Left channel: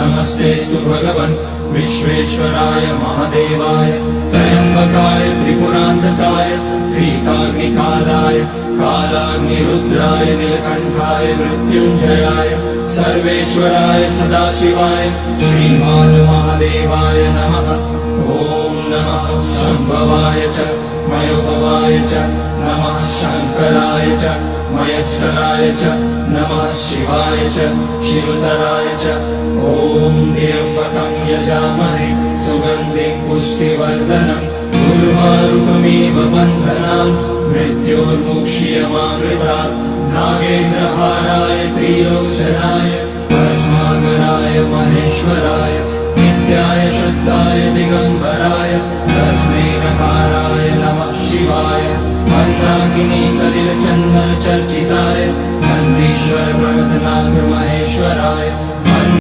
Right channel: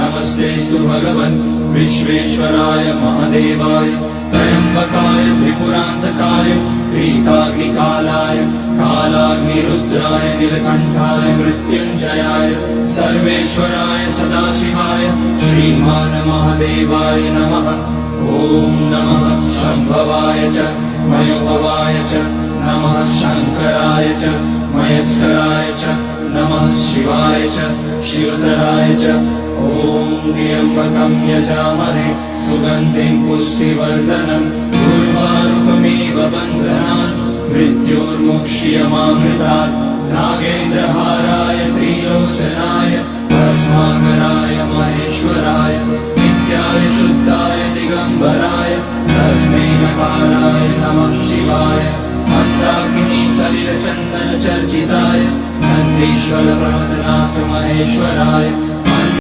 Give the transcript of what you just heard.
नमस्तेस्तु भगवन् विश्वेश्वराय महादेवाय त्र्यम्बकाय त्रिपुरान्तकाय त्रिकाग्निकालाय कालाग्निरुद्राय नीलकण्ठाय मृत्युञ्जयाय सर्वेश्वराय सदाशिवाय श्रीमान् महादेवाय नमः। ॐ नमः शम्भवाय च मयोभवाय च नमः शङ्कराय च मयस्कराय च नमः शिवाय च शिवतराय च। ॐ त्र्यम्बकं यजामहे सुगन्धिं पुष्टिवर्धनम् उर्वारुकमिव बन्धनान् मृत्योर्मुक्ष्यमामृतात्। नागेन्द्रहाराय त्रिलोचनाय भस्माकराय महेश्वराय नित्याय शुद्धाय दिगम्बराय तस्मै नकाराय नमः शिवाय। मन्दाकिनी सलिलचन्दन चर्चिताय नन्दीश्वर प्रमथनाथ महेश्वराय